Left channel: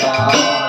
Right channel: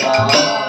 Krishna